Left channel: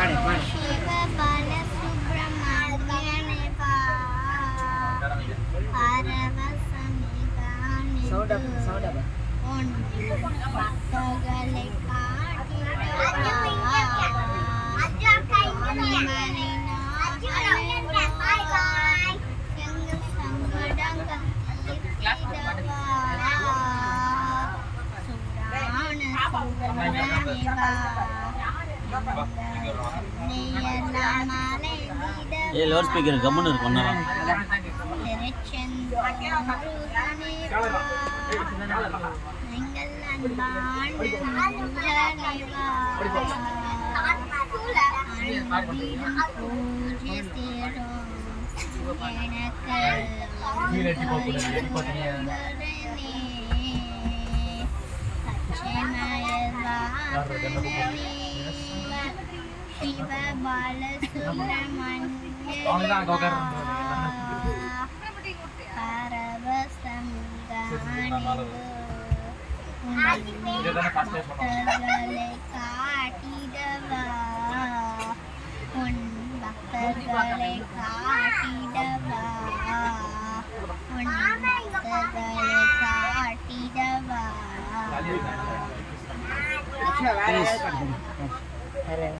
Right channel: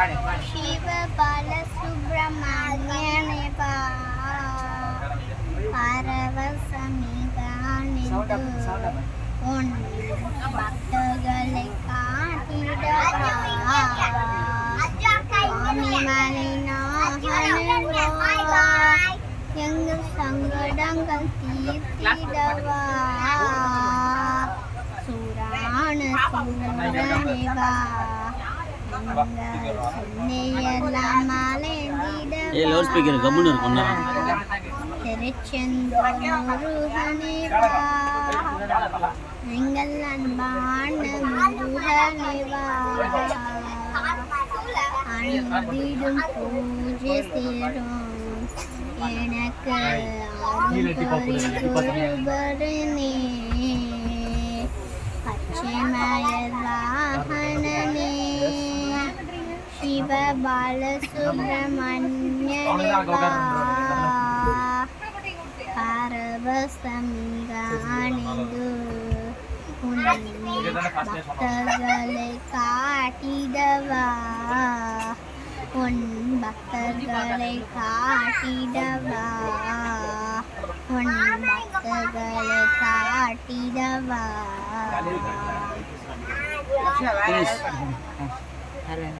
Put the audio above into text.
शिव बालसुब्रह्मण्यने पारवसमि गानिदु उन भक्तगले काटिडवा स्वामी मालिना हनुवा எங்கள் சங்கடங்கள் தீர்த்திடவா சூரான சூரனேவா சென்னையெல்லாம் மலைந்திடவா லவுட் ஸ்பீக்கர் கம்முன்னு இருக்கும் திருச்செந்தூருகனேவா எங்கள் அன்பான முருகனேவா அன்பிடும் பூஜை சேரும் எனக்கு அருள்புரிபவனே பச்சைமயர் வாகனனே சிவ பாலசுப்ரமணியனே பரவசமிகானிது உன் பக்தர்களை காட்டிடவா உன் பக்தர்களை காட்டிடவா உன் பக்தர்களை காட்டிடவா